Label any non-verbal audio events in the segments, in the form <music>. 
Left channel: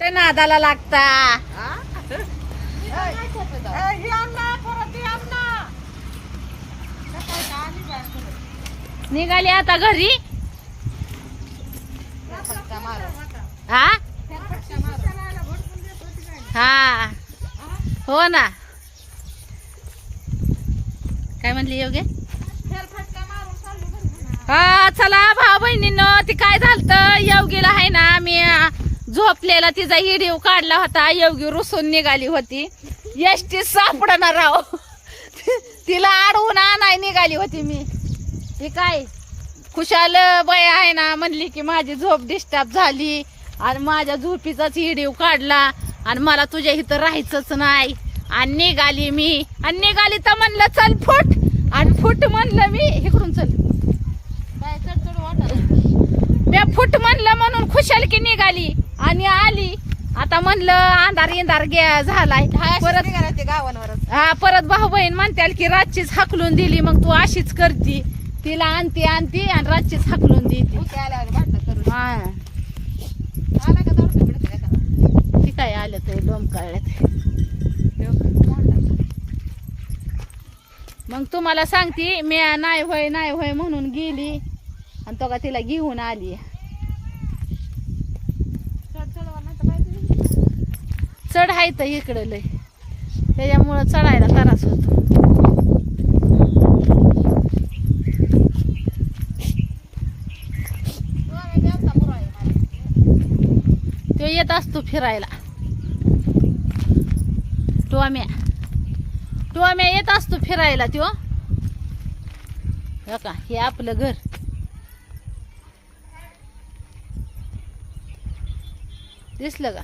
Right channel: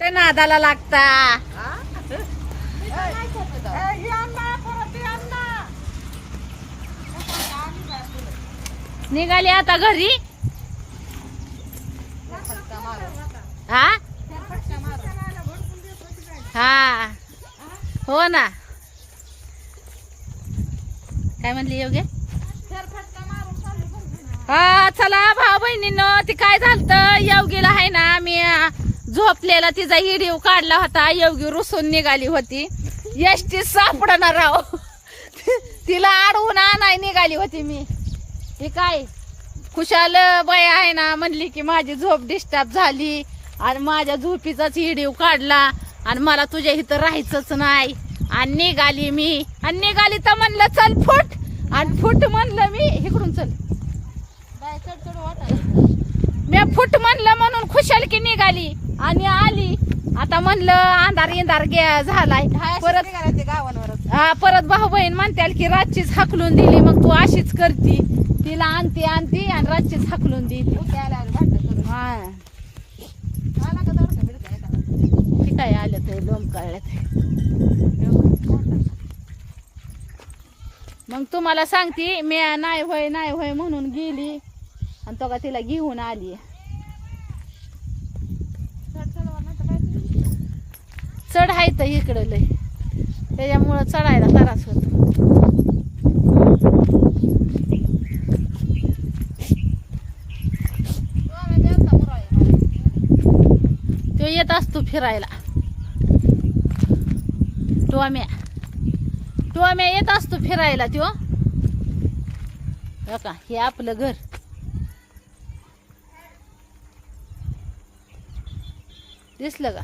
ते नादाला लागता. निघाली आता घरी? हा? हा. हो ना. काय म्हणली योगे? चला भाऊ बहिणीनं ती काय झालत? योगीला आहे ना मी झोपलेला तिचा हिडीव काढला होता. योगी रुसून निघाली होती. एसटी सापडणार राव तिला अडवून आणाय निघाली होती मी. हे काय? खुशाल बाय आहे ना म्हणली की माझी झोप डिस्टर्ब झाली. आणि माझ्या झोपीचाच हिडीव काढला. आणि मला तुझ्या इथं राहायचंच नाही. आणि निघाली मी. आणि निघाली तर म्हणलं चल फुट. आणि फुट म्हणलं मी इकडून चल. मी फुट म्हणलं म्हणून खुशाल की निघाली. आणि आली. आता म्हणलं अंधार इंधार गे झालाय. परत हा परत भाऊ बहीण म्हणत्याल की रातचीच हाकलून दिली मग तू अशीच करती. तिला आणती आणती आणि रातचीच हाकलून दिली. हा. ती काय आलं ते लोम मग तुम्हाला सांगती मी नाही होय नाही होय म्हणून गेली. आणि तो का तिला घेऊन आली. चढ आहे तर इकडं लय. त्याच्यामुळं चढायला त्रास होतो. तो येत असतो फिरायला. टोम्या. टोम्या येत असतो फिरायला त्यो. का हे आपलं घर. दिसलं का?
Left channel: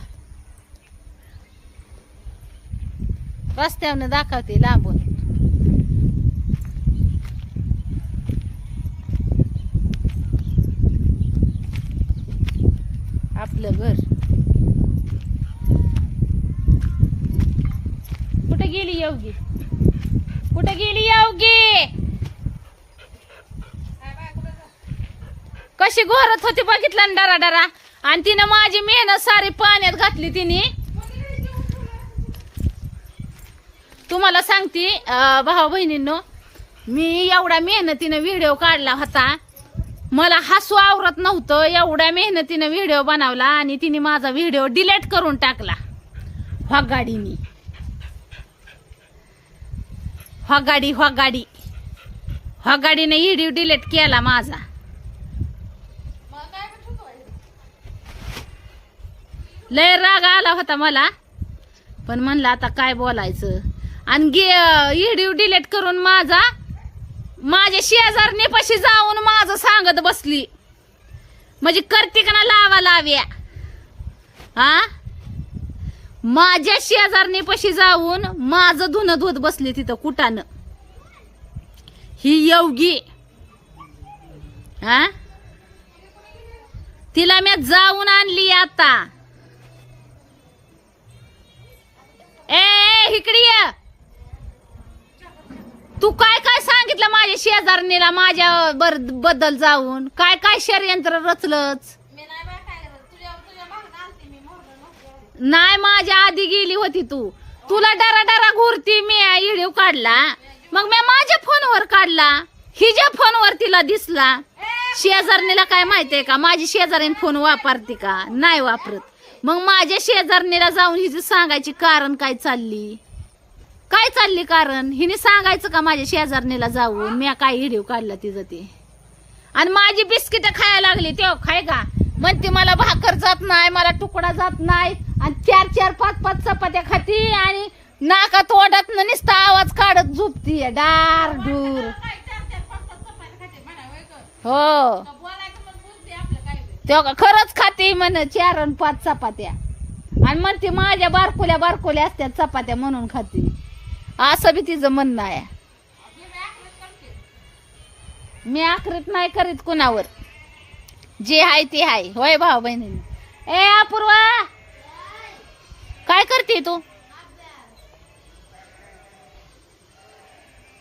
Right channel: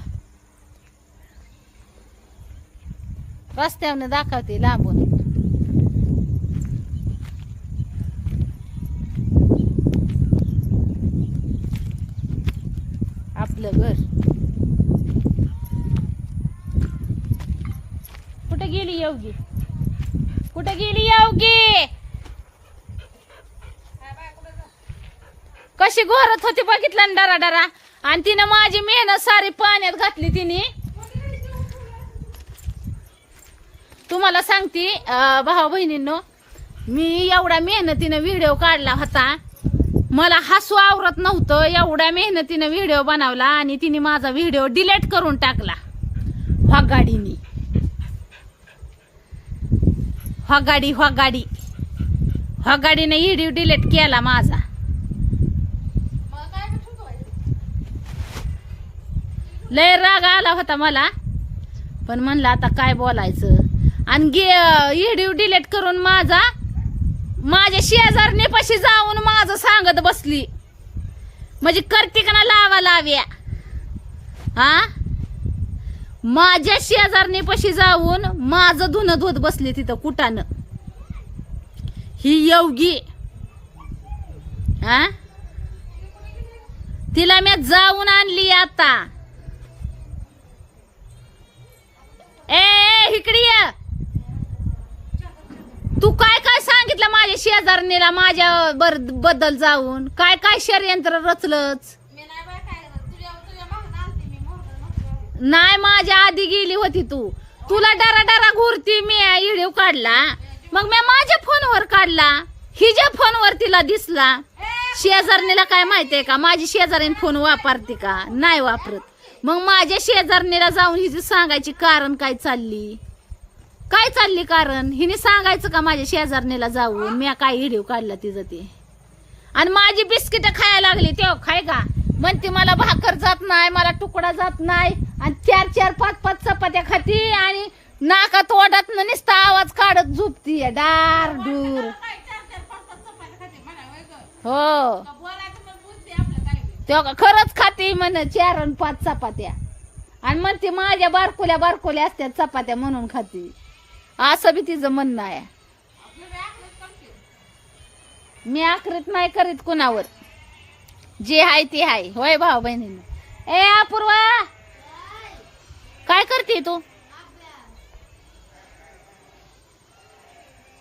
रस्त्यावर दाखवते लांबून. आपलं घर. कुठे गेली योगी? कुठे गेली योगी? कशी घोरत होती बघितलं ना डरा डरा. आणि तिनं माझी मेहनत सारी पाण्यात घातली तिने. तुम्हाला सांगते भाऊ बहिणींनो मी एवढ्या मेहनतीनं व्हिडिओ काढला होता. मला हसू आवरत नव्हतं एवढ्या मेहनतीनं व्हिडिओ बनवला आणि तिने माझा व्हिडिओ डिलीट करून टाकला. गाडीनी गाडी गाडी गाडीने व्हिडिओ डिलीट केला माझा. लय राग आला होता मला. पण म्हणलं आता काय बोलायचं? आणि गे व्हिडिओ डिलीट करून माझा माझ्या शेजारणीपाशी जाऊन माझं सांगत बसली. म्हणजे करते का ना लावा लाव्या? हा माझ्या शेजारने पशी जाऊन माझं धुणं धुत बसली तिथं कुटानं. ही योगी. हा तिला मी जाऊन आणली आता. ए इकडे ये. तू काय काय सांगितलं माझ्या शेजारणीला माझ्या बरबद्दल जाऊन? काय काय षडयंत्र रचलंच? नाही माझ्या आधी गेली होती तू. तुला डरा डरा घुरती मी इडीव काढला. मग मी माझ्या फोनवर काढला. हिच्या फोनवर तिला दिसला. शेजारणीला काय माहितीये का? माझी शेजारीन फोन वापरते का? नाही वापरत. मग माझ्या शेजारणीला जाऊन हिची सांगायची कारण काय चालली? काय चालली कारण? हिने सांगायचं का माझ्या शेजारणीला जाऊन? मी काय व्हिडिओ काढला तिचं ते? आणि माझी बिस्किट खायला लागली तेव्हा खाय का? म्हणते मला भाकर जात नाही मला तुकडा जात नाही. आणि चार चार पाच पाच चपात्या खाती आणि नाका तोंडात नुसता आवाज काढत झोपती डार डूर. हो. तेव्हा का खरंच खाते म्हण चार आणि पाच चपात्या. आणि म्हणते माझ्या बारकुल्या बारकुल्या असत्या चपात्या म्हणून खाते. असं बी तिचं म्हणणं आहे. मी आखरीत नाही करीत कुणावर. जे आहे ते आहे होय भाऊ बहिणीनं. ए अपूर्वा! काय करते तू?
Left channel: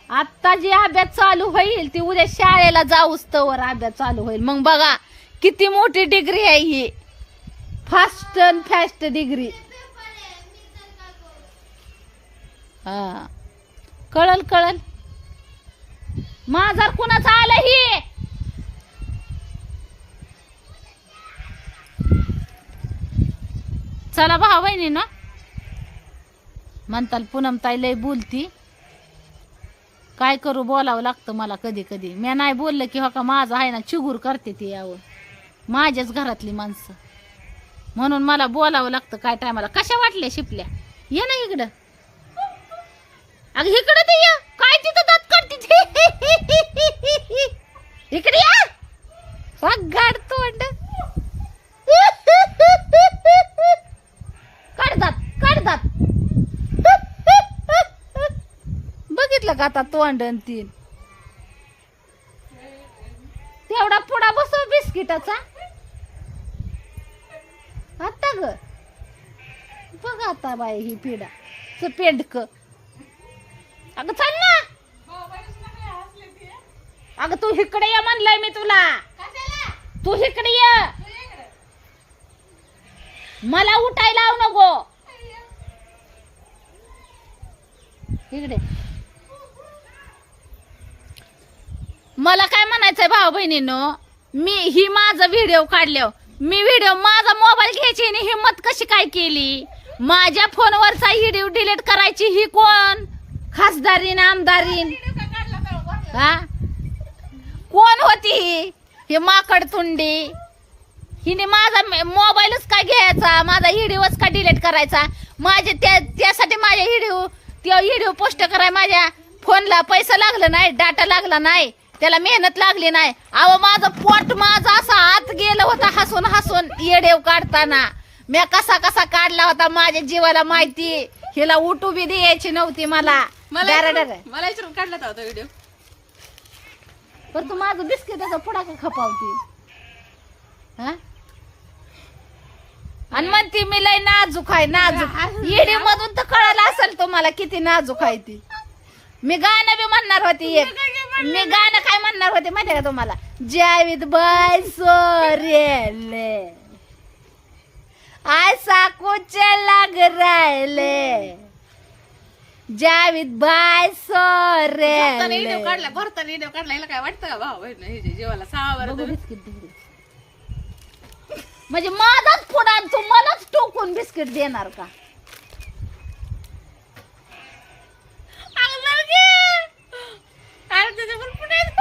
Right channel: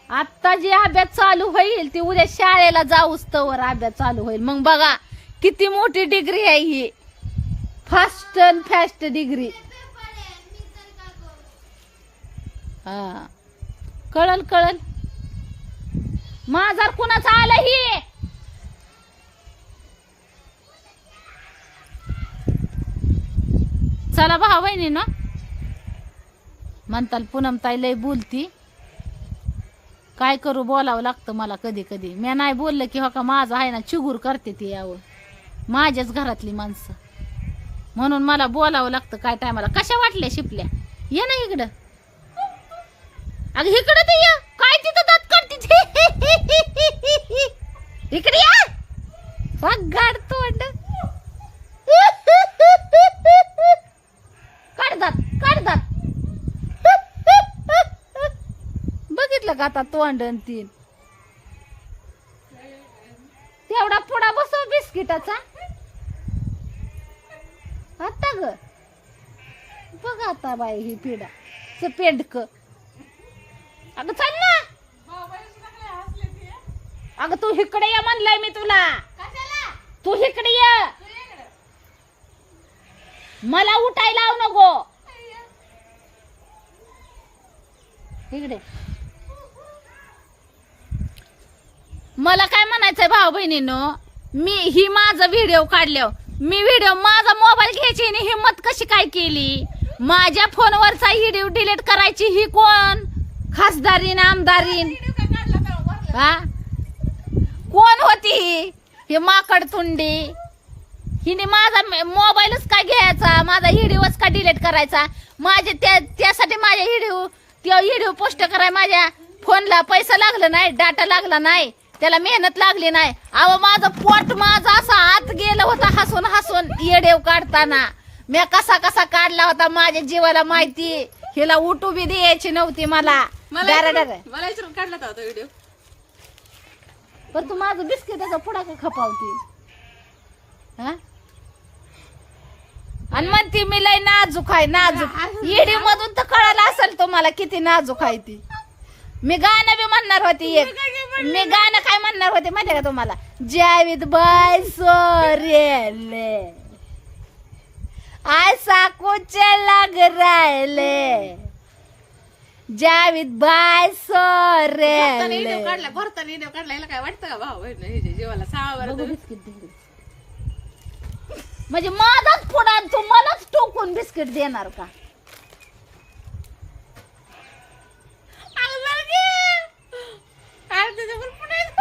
आता जी अभ्यास चालू होईल ती उद्या शाळेला जाऊस तवर अभ्यास चालू होईल. मग बघा किती मोठी डिग्री आहे ही. फास्ट अँड फास्ट डिग्री हा. कळल कळल? माझा कुणाचा आलं ही? चला भाऊ बहिणी ना म्हणताल पूनम ताई लय बोलती. काय करू बोलावं लागतं मला कधी कधी. मी नाही बोललं की हो का माझं आहे ना चिगूर करते ती यावं. माझ्याच घरातली माणसं. म्हणून मला बोलावं लागतं काय टायमाला. कशा वाटल्या शिपल्या? ये ना इकडं. अगं इकडं ते या. काय तिथं दात काढते इकडे या. गाडतो तोंड. <laughs> काढतात काढ दात बघितलं का आता तोंड आणि तीन? तेवढा पुडा बसव बिस्किटाचा. आता ग. बघ आता बाई ही पिढा. च पेंडक. अगं चल ना. अगं तू इकडे ये म्हणलंय मी तुला. तू इकडे ये. मला उठायला लावू नको. इकडे मला काय म्हणायचंय भाऊ बहिणीनो? मी ही माझा व्हिडिओ काढल्या मी व्हिडिओ माझा मोबाईल घ्यायची आणि हिंमत कशी काय केली? माझ्या फोनवरचा व्हिडिओ डिलीट करायची ही कोण? खासदारीन आमदारीन. हा? कोण होती ही? ही माकड तुंडी. हिने माझा मोबाईलच काय घ्यायचा? माझा व्हिडिओच का डिलीट करायचा? माझे त्या त्यासाठी माझ्या व्हिडिओ त्या व्हिडिओ पोस्ट कराय माझ्या फोनला पैसा लागला नाही डाटा लागला नाही. त्याला मेहनत लागली नाही. अहो माझं पोट माझं असं आत गेलं होतं हसून हसून येडेव काढताना. मी कसा कसा काढला होता माझ्या जीवाला माहिती? हिला उठू बी द्यायची नव्हती मला. मला काढला होता तो व्हिडिओ पण तू माझं बिस्किटाचा पुडा का खपावती. हा? आणि म्हणती मी लय नाजूक आहे नाजूक. येडी मधून तर कळायला असेल तुम्हाला किती नाजूक आहे ती. मी गाणं बी म्हणणार होती एक. मी गाणं काय म्हणणार होते माहिती का तुम्हाला? जावीद बाय सोरेले. ऐसा कुछ लग राहिले जावीद बाय सोरेले. काढला भरताना काढला. काय वाटतं का भाऊ? सहा वर म्हणजे माझाच पुढा तू मलाच टोकून बिस्किट देणार का?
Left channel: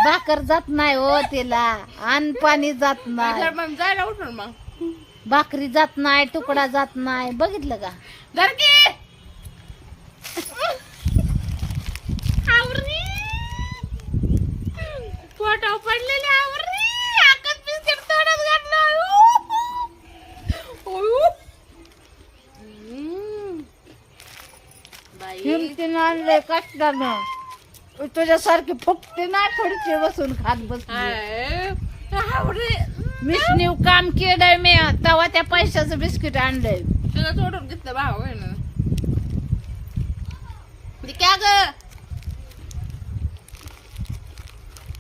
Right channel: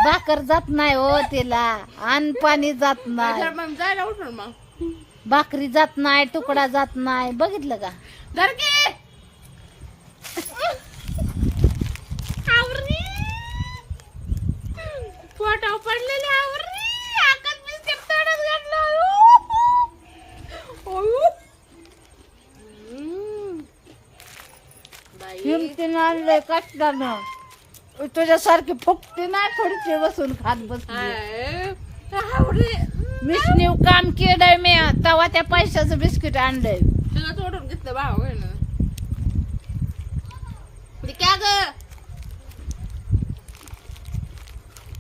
भाकर जात नाही हो तिला. अन्न पाणी जात नाही. मग जायला उठून मग. भाकरी जात नाही तुकडा जात नाही. बघितलं का? पडलेले आकात बिस्किट तोडत घातलं. आणलंय कष्टानं. तुझ्यासारखी फुकटी नाही खुर्ची बसून खात. आवरी मिसनीव काम केलंय मी तेव्हा त्या पैशाचं बिस्किट आणलंय. तुला तोडून घेतलं भाऊ बहीण ते काय ग?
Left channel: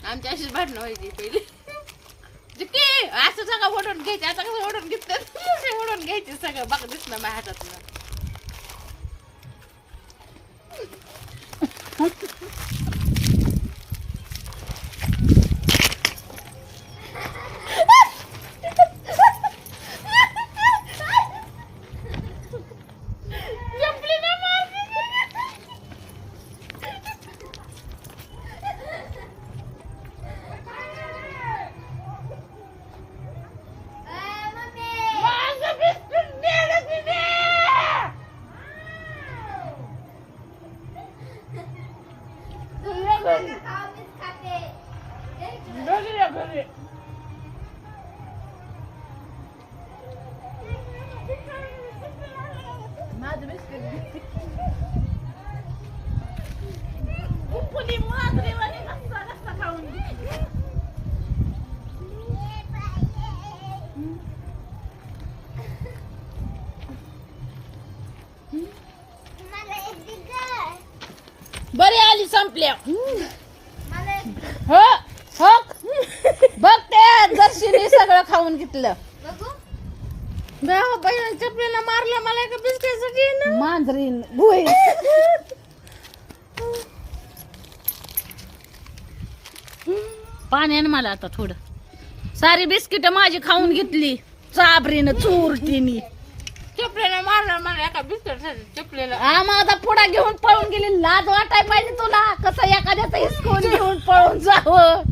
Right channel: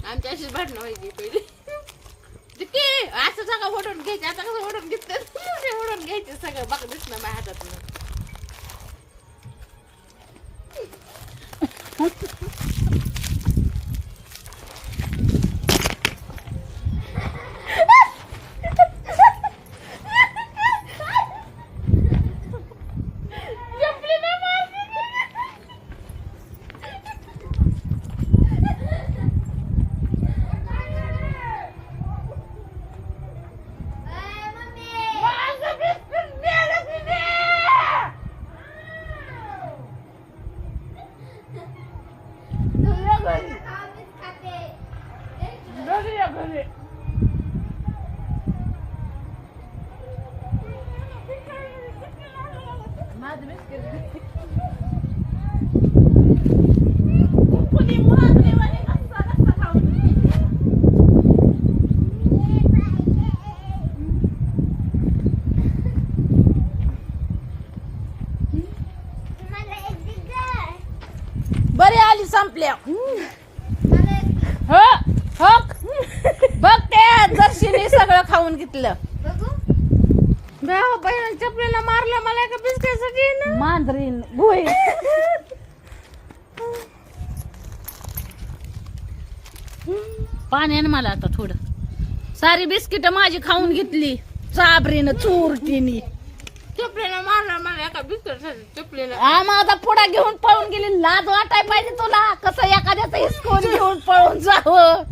आमची अशीच भांडणं व्हायची पहिली. असं सगळं ओढून घ्यायचं आता कसं ओढून घेतलं. ओढून घ्यायचे सगळं बघ दिसलं माझ्या हातात घेतलं. चपलेला मारलं मला एका बिस्किटसाठी मांजरीन भुई पाण्यानं मला आता थोडं. सारी बिस्किट माझी खाऊन घेतली. चाबरीनं चोरटीनी. चपलेला मारलं मला एका बिस्किटसाठी चपलेला. हा माझा पुढा घेऊन पळून गेली. लाज वाटाय पाहिजे तुला. कसं एखाद्याचं हिसकून घेऊन पळून जावं.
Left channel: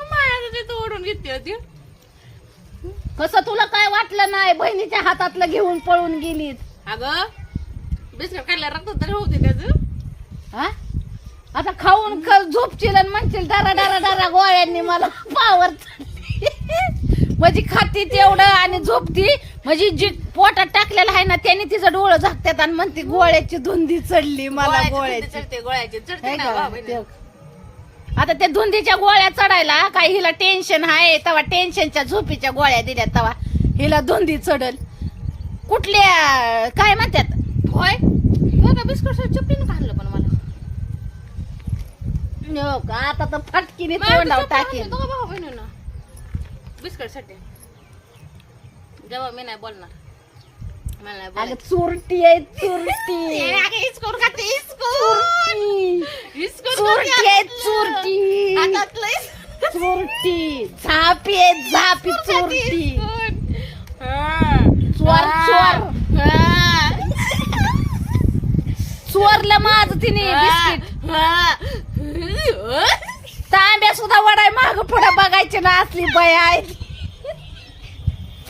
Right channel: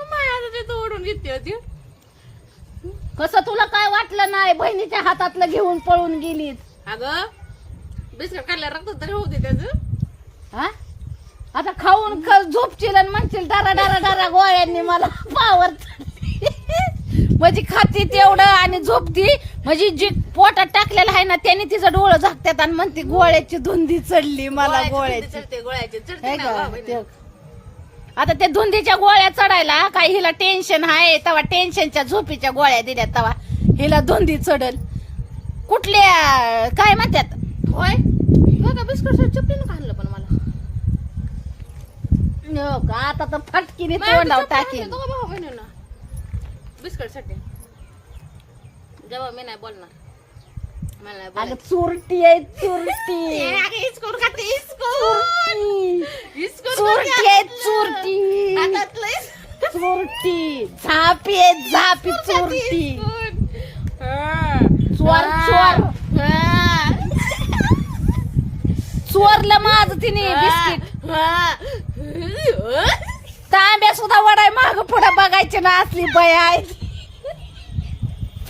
माझ्या तिथं ओढून घेतली होती. कसं तुला काय वाटलं नाही? बहिणीच्या हातातलं घेऊन पळून गेली अगं बिस्किट खाल्ल्या रक्त तरी होते त्याच हा? आता खाऊन ख- झोपशील आणि म्हणशील डारा डारा डारा गोळ्यांनी मला पावर म्हणजे खाती तेवढं आणि झोपती. म्हणजे जी पोटात टाकलेलं आहे ना त्याने तिचं डोळं झाकतात आणि म्हणते गोळ्याची धुंदी चढली मला गोळ्याची चढते गोळ्याचे चढते हे ना का? भाऊ बहिणी. ते- आता त्या धुंदीच्या गोळ्या चढायला काय हिला टेन्शन आहे तेव्हा टेन्शनच्या झोपीच्या गोळ्या दिल्या तेव्हा. हिला धुंदी चढल. कुठल्या काय म्हणतात? होय? का बिस्किट चपलीनं खाल्लं पण मला. का आता तर फटकीने तोंडावर टाकेल बिस्किटसाठी जेव्हा मी नाही बोलणार. अगं. चुरटी आहे चुरटी. चुरटी. आहे. चुरटी. चुरटी. झापी आहे झापी चुरटी. चोर. हा. चोरलं माझं तिने बिस्किट. तांब्या सुद्धा वडाय माग पुढे बघायचे ना असली बय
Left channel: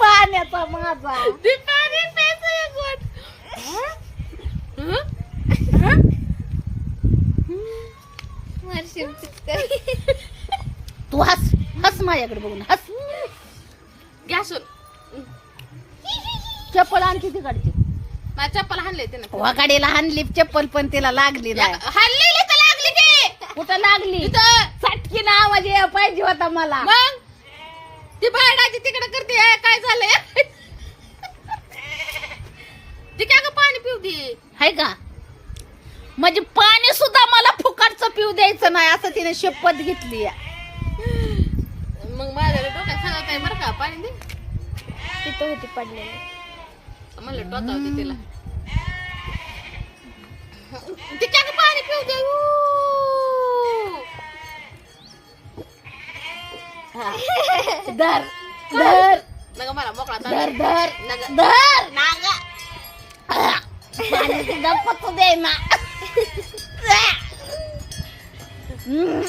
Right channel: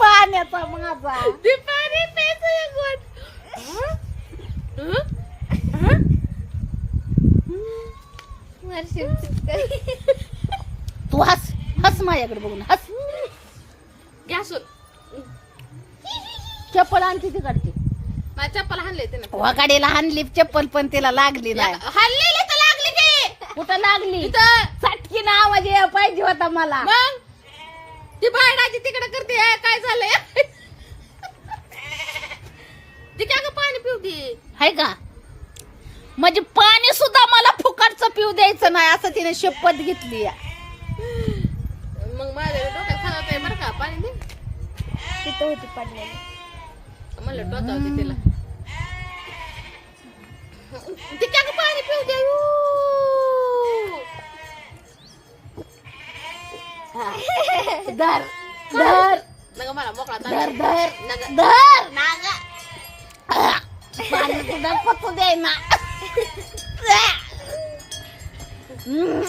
पाण्याचा माझा. ते? तू हस हस माझ्याकडे बघून हस. गॅसवर चप्पल आणखी तिकडची. माझ्या चप्पल हाणले ते ना वाकाडीला हाणली चप्पल पण तिला लागली हल्लेली तर लागली ते. कुठं लागली? इथं. चटकीन आवाज पाहिजे होता मला. मग? ती भाडाची तिकडे करते. काय झालंय? ती काय ग पाणी पिऊ दे? हाय का? म्हणजे पाणी सुद्धा मला फुकटचं पिऊ द्यायचं नाही असं तिने शपथ घेतली मग माझ्या डोक्यात सांगत आहे बरं का पाणी दे. तिथं होती पडलेली. म्हणलं टोचावते तिला. तिच्या ग पाणी पिऊ दे. धर धर. मला मोकळा धर. धर नका. धर. नागा. पाणी सुद्धा पचू दे ना हम्म.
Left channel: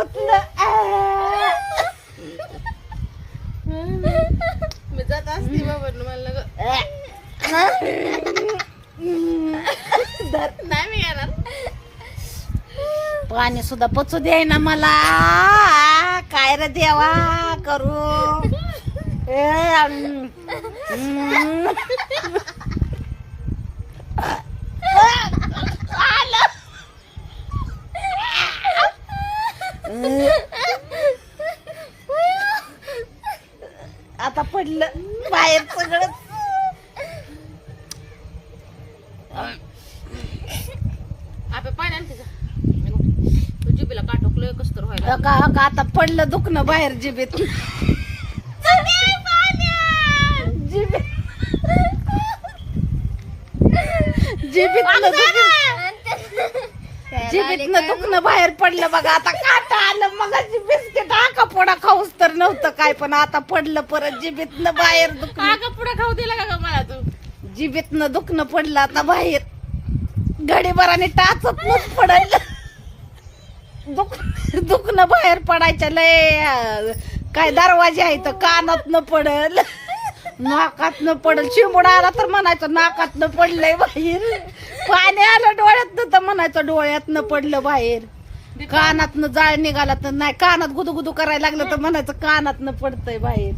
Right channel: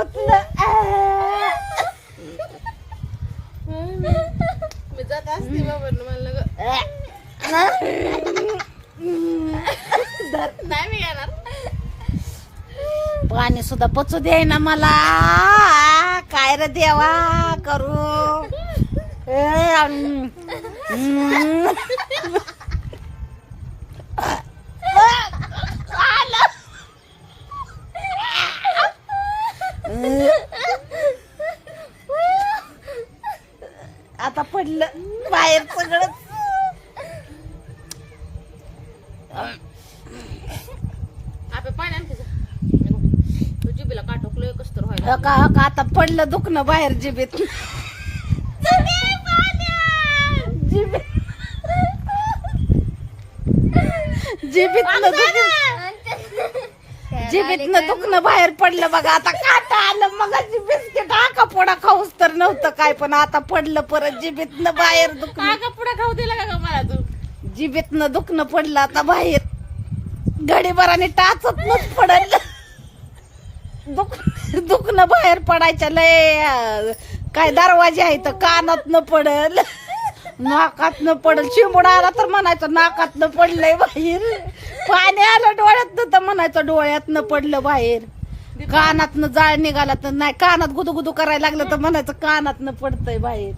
पाणी मी जात असते बाबा मला नाही मी येणार पाणी सुद्धा पचू दे ना मला काय रे देवा करू ए, अं. हम्म. आता पडलं. बाहेर सगळं आपल्या पाणी आणखी जा हे बघ, तू जिबीला काटोकलं कस तर व्हायला आता पडलं दुखणं बाहेर जिबीत जिबीत दुखणं. जिबीतनं दुखणं बाहेर पडलं बघा. आता काटा आलं मग बिस्किट हा कपोडा खाऊस तर नव्हतं काय पण आता पडलं परत जिबीतनं बाहेर दुखणं. का का पुढे खाऊ दिला का ग मला तू? जिबीतनं दुखणं पडलं आता बाहेर. घडीभराने टाचत नच पडल. दुख दुखणं बाहेर पडायचं लय काय दरवाजे आहे तर कानात न पडल. नाकात न पडल. शिंबूड आला तर म्हणायचं नाकात न पडलंय बाहेर. पाणी आलं डोळ्यात तर म्हणायचं डोळ्यात न पडलं बाहेर. कानात न जाळ निघाला तर नाही कानात गुदू करायला लागलं तर म्हणायचं कानात न पडतंय बाहेर.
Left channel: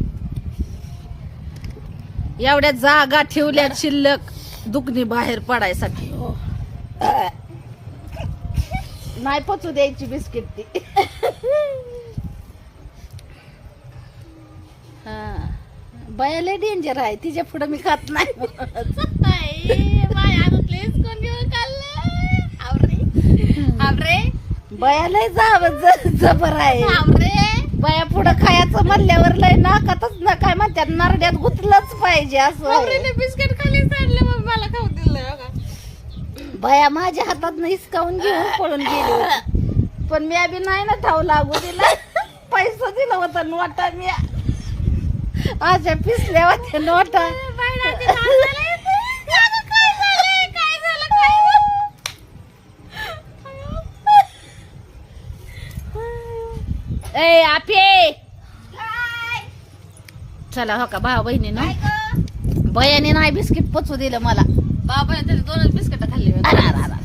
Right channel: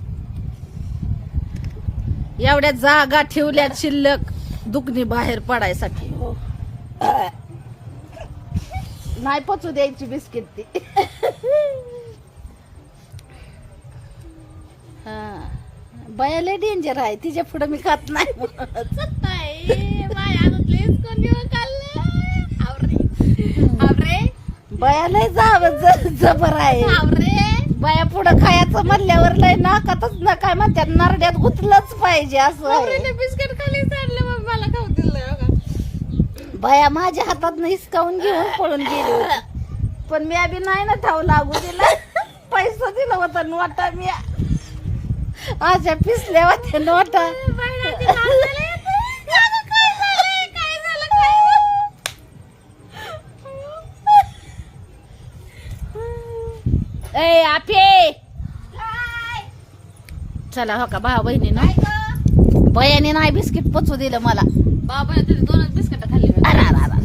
एवढ्या जागा ठेवल्या शिल्लक दुखणी बाहेर पडायसाठी. नाही पचू द्यायची बिस्किट ती. हा. बयाला डेंजर आहे. तिच्या पुढे मी खात नाही बयाला जावं जबर आहे. बया पुढं खायचं म्हणल्यावर लय नाकातच ना काय म्हणतात नरड्यात गुतलंच पाहिजे असं. बिस्किट खाली मला खाऊ दिलं. बया माझ्या हातात हिसकावून घेऊन पळून गेली. पण मी बी नाही ना ठाव लागू दिला. <laughs> पैसा दिला होता नोटा मी अशा पिसल्या होत्या नोटा. ए आपे चला हो का भाऊ बहिणी ना? बयाने नाही बिस्किट पचू दिलं मला. बाबा तरी दोनच बिस्किट खाल्ली होती. अरे, अरे, अरे.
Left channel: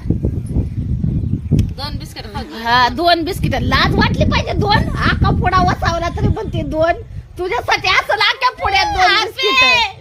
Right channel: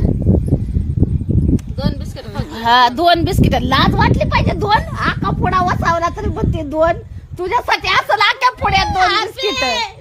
दोन बिस्किट हा दोन बिस्किट. लाज वाटली पाहिजे दोन? आका पुडा वसावला तरी पण ते दोन. तुझ्यासाठी असं आख्या पुढ्यात दोन बिस्किट.